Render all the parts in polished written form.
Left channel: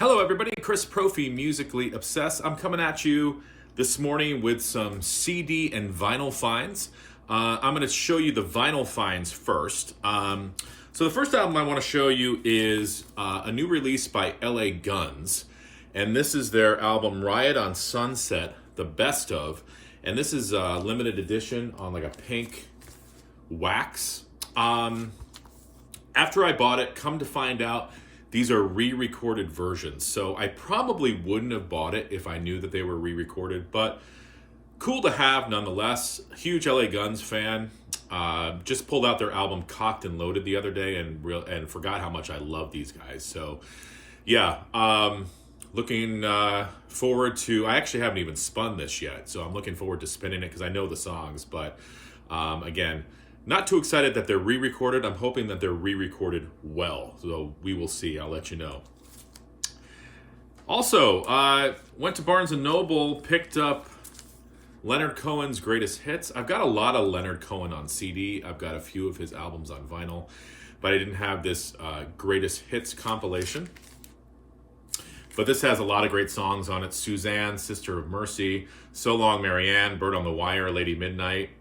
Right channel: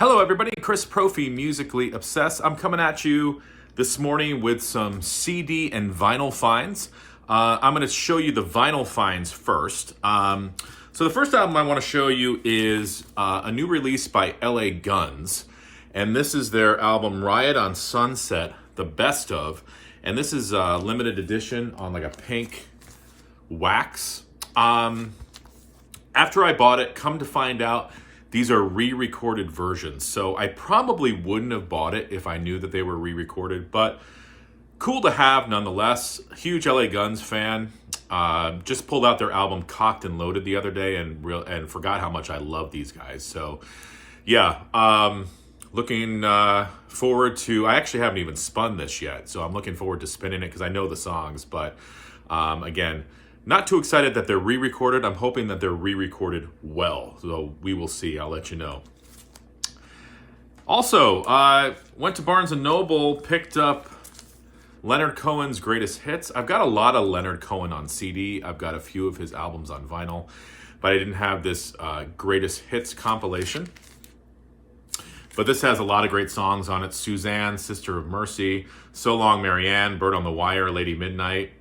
Hello everybody, Chris Profi, Musically Obsessed. I'm coming at you this morning with some CD and vinyl finds. I'm going to show you the vinyl finds first. So the first album I want to show you is a new release by LA Guns. And this is their album Riot on Sunset, the best of. And this is a limited edition on like a pink wax. After I bought it, come to find out, these are re-recorded versions, so I probably wouldn't have bought it if I knew that they were re-recorded, but cool to have nonetheless. Huge LA Guns fan. Just pulled out their album Cocked and Loaded the other day and forgot how much I love these guys. So yeah, looking forward to, I actually haven't even spun this yet, so I'm looking forward to spinning it because I know the songs, but again, not too excited that they're re-recorded. I'm hoping that they're re-recorded well. So we will see. I'll let you know. Also, went to Barnes & Noble, picked up Leonard Cohen's Greatest Hits. I've got a lot of Leonard Cohen on CD. I've got a few of his albums on vinyl, but I didn't have this Greatest Hits compilation. But this has a lot of great songs on it. Suzanne, Sister of Mercy, So Long Marianne, Bird on the Wire, Lady Midnight.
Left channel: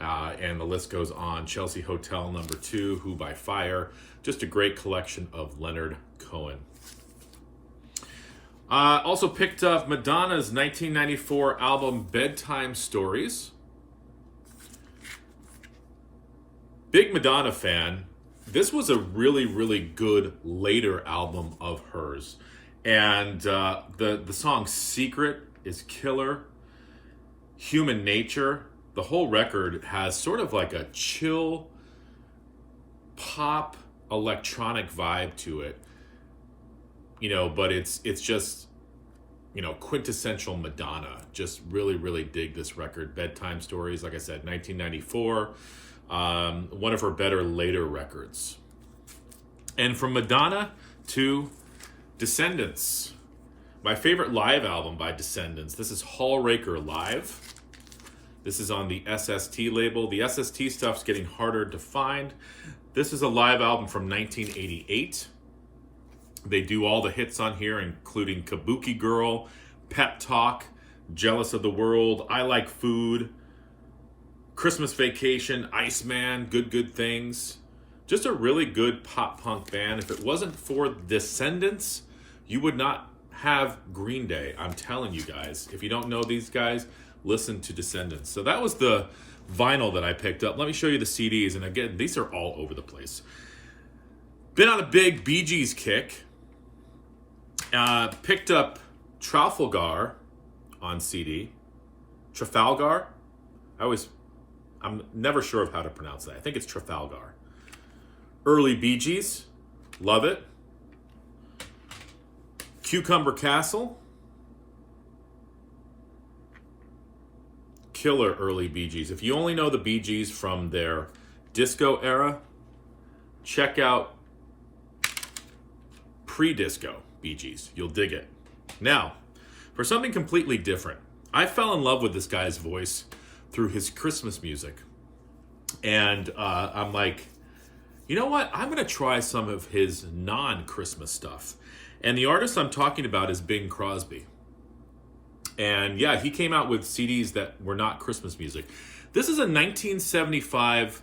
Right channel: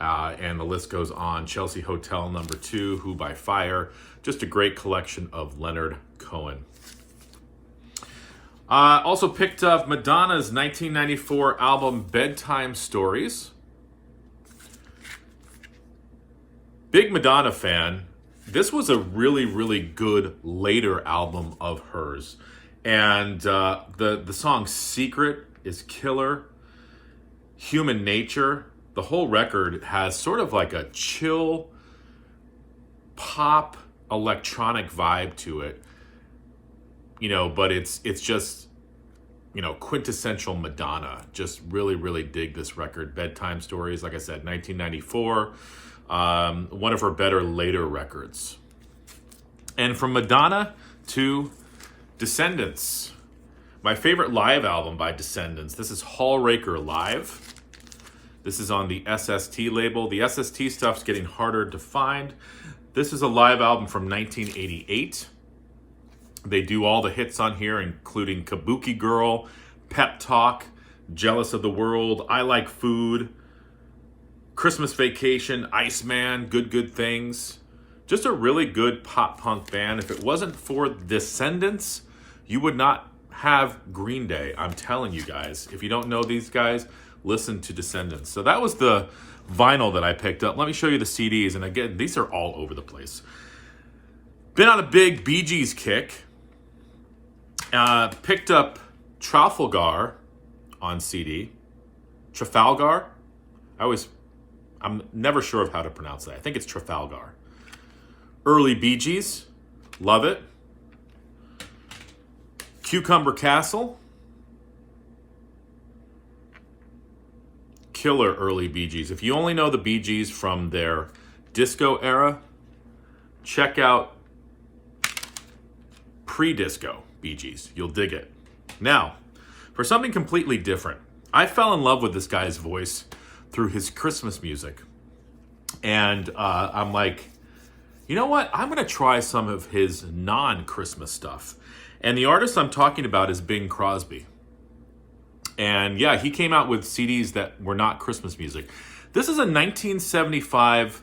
And the list goes on. Chelsea Hotel No. 2, Who by Fire. Just a great collection of Leonard Cohen. Also picked up Madonna's 1994 album Bedtime Stories. Big Madonna fan. This was a really, really good later album of hers. And the song Secret is killer. Human Nature. The whole record has sort of like a chill pop electronic vibe to it, but it's just, quintessential Madonna. Just really, really dig this record. Bedtime Stories, like I said, 1994, one of her better later records. And from Madonna to Descendants, my favorite live album by Descendants. This is Hallraker Live. This is on the SST label. The SST stuff's getting harder to find. This is a live album from 1988. They do all the hits on here, including Kabuki Girl, Pep Talk, Jealous of the World, I Like Food, Christmas Vacation, Iceman, Good Things. Just a really good pop punk band. If it wasn't for Descendants, you would not have Green Day. I'm telling you guys. If you don't know these guys, listen to Descendants. So that was the vinyl that I picked up. Let me show you the CDs. And again, these are all over the place. Been on a big Bee Gees kick. Picked up Trafalgar on CD. Trafalgar? I'm never sure of how to pronounce that. I think it's Trafalgar. Early Bee Gees. Love it. Cucumber Castle. Killer early Bee Gees. If you only know the Bee Gees from their disco era, check out pre-disco Bee Gees. You'll dig it. Now, for something completely different, I fell in love with this guy's voice through his Christmas music. And I'm like, you know what? I'm going to try some of his non-Christmas stuff. And the artist I'm talking about is Bing Crosby. And yeah, he came out with CDs that were not Christmas music. This is a 1975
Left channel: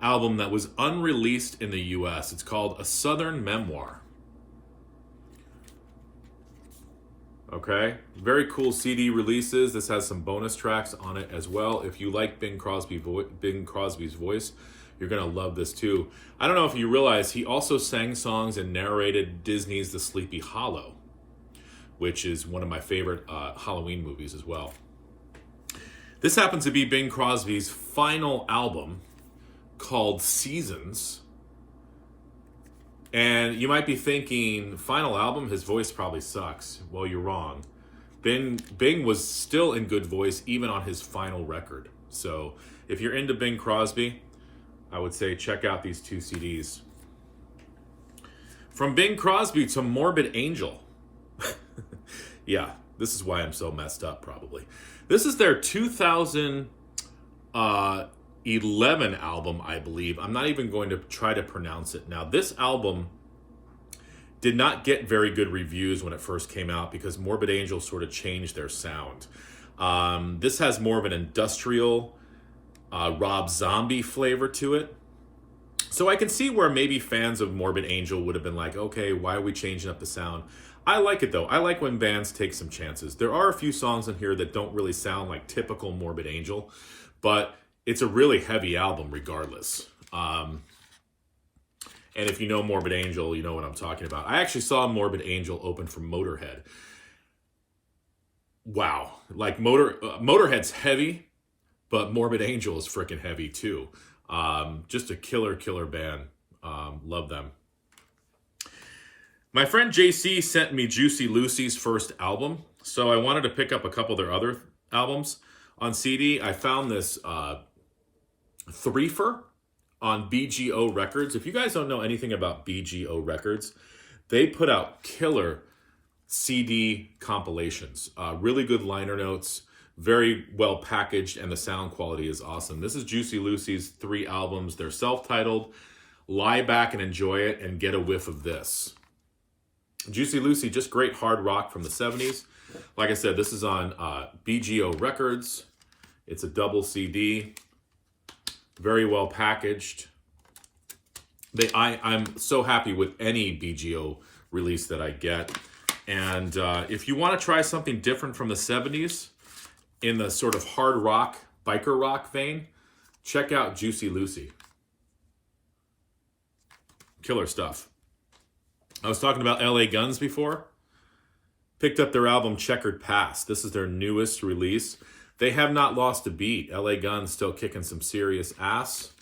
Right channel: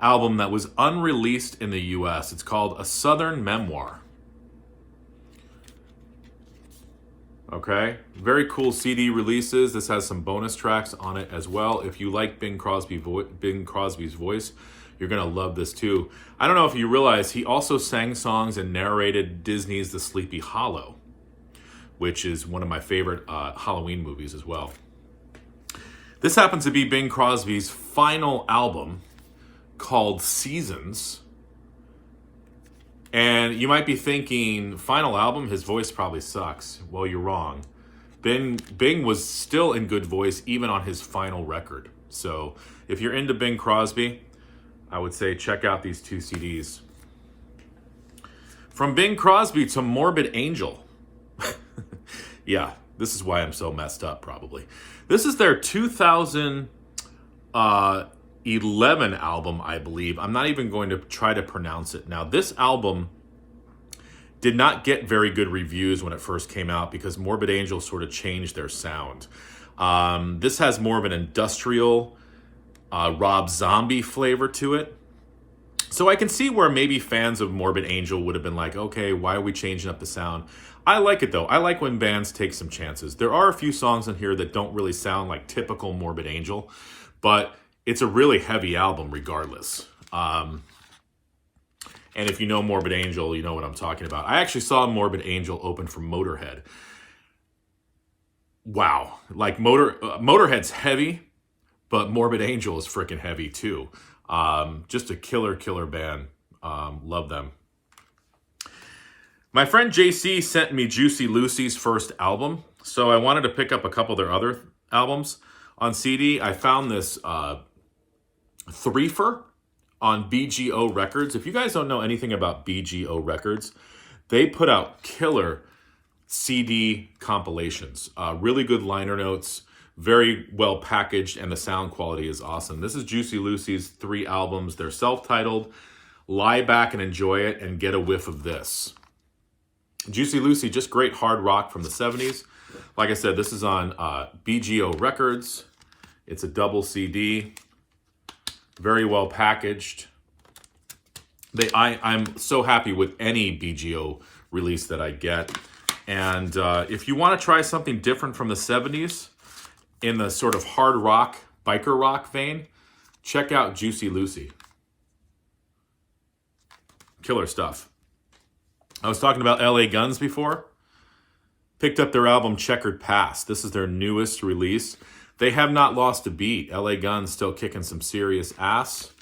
album that was unreleased in the US. It's called A Southern Memoir. Okay, very cool CD releases. This has some bonus tracks on it as well. If you like Bing Crosby's voice, you're going to love this too. I don't know if you realize he also sang songs and narrated Disney's The Sleepy Hollow, which is one of my favorite Halloween movies as well. This happens to be Bing Crosby's final album called Seasons. And you might be thinking, final album, his voice probably sucks. Well, you're wrong. Bing was still in good voice even on his final record. So if you're into Bing Crosby, I would say check out these two CDs. From Bing Crosby to Morbid Angel. Yeah, this is why I'm so messed up, probably. This is their 2011 album, I believe. I'm not even going to try to pronounce it. Now, this album did not get very good reviews when it first came out because Morbid Angel sort of changed their sound. This has more of an industrial Rob Zombie flavor to it. So I can see where maybe fans of Morbid Angel would have been like, okay, why are we changing up the sound? I like it though. I like when bands take some chances. There are a few songs in here that don't really sound like typical Morbid Angel, but it's a really heavy album regardless. And if you know Morbid Angel, you know what I'm talking about. I actually saw Morbid Angel open for Motorhead. Wow. Like Motorhead's heavy, but Morbid Angel is freaking heavy too. Just a killer band. Love them. My friend JC sent me Juicy Lucy's first album, so I wanted to pick up a couple of their other albums on CD. I found this threefer on BGO Records. If you guys don't know anything about BGO Records, they put out killer CD compilations. Really good liner notes, very well packaged, and the sound quality is awesome. This is Juicy Lucy's 3 albums. They're self-titled. Lie back and enjoy it and get a whiff of this. Juicy Lucy, just great hard rock from the 70s. Like I said, this is on BGO Records. It's a double CD. Very well packaged. I'm so happy with any BGO release that I get. And if you want to try something different from the 70s in the sort of hard rock, biker rock vein, check out Juicy Lucy. Killer stuff. I was talking about LA Guns before. Picked up their album Checkered Past. This is their newest release. They have not lost a beat. LA Guns still kicking some serious ass.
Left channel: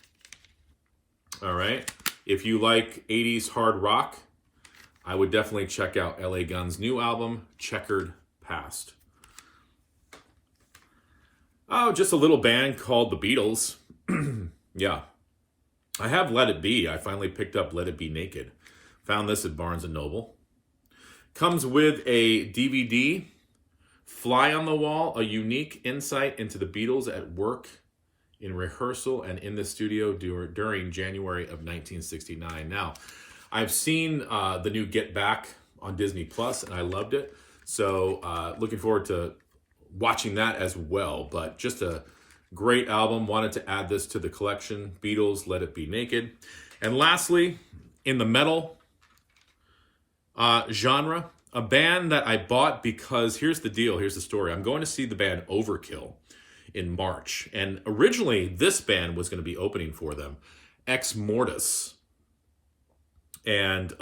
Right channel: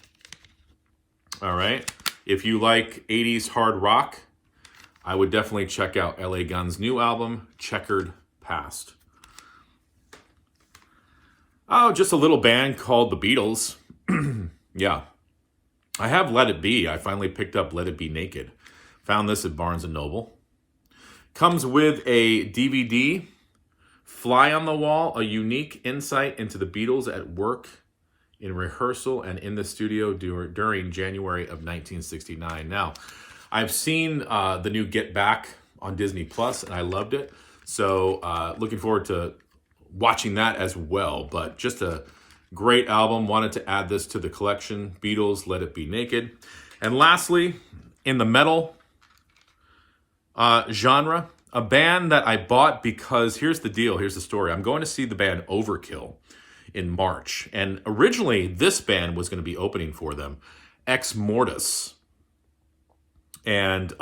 All right. If you like 80s hard rock, I would definitely check out LA Guns' new album, Checkered Past. Oh, just a little band called the Beatles. Yeah. I have Let It Be. I finally picked up Let It Be Naked. Found this at Barnes & Noble. Comes with a DVD, Fly on the Wall, a unique insight into the Beatles at work, in rehearsal, and in the studio during January of 1969. Now, I've seen the new Get Back on Disney Plus, and I loved it. So looking forward to watching that as well. But just a great album. Wanted to add this to the collection. Beatles, Let It Be Naked. And lastly, in the metal genre, a band that I bought because here's the deal, here's the story. I'm going to see the band Overkill in March. And originally, this band was going to be opening for them, Ex Mortis. And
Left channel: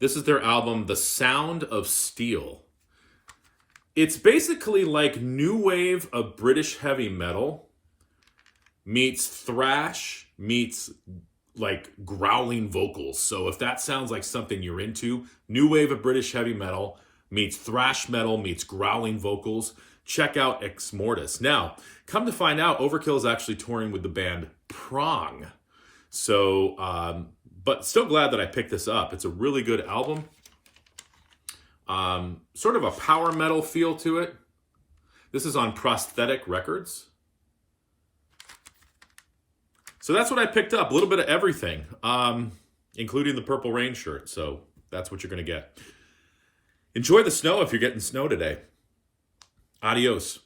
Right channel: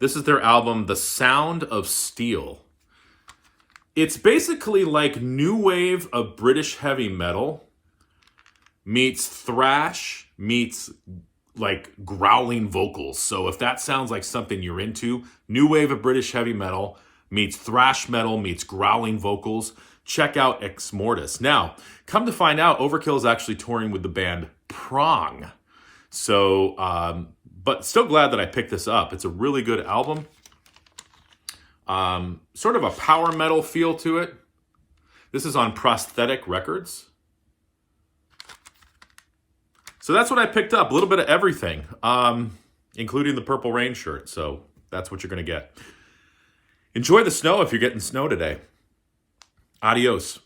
this is their album, The Sound of Steel. It's basically like new wave of British heavy metal meets thrash meets like growling vocals. So if that sounds like something you're into, new wave of British heavy metal meets thrash metal meets growling vocals, check out Ex Mortis. Now, come to find out, Overkill is actually touring with the band Prong. So, but still glad that I picked this up. It's a really good album. Sort of a power metal feel to it. This is on Prosthetic Records. So that's what I picked up. A little bit of everything, including the Purple Rain shirt. So that's what you're going to get. Enjoy the snow if you're getting snow today. Adios.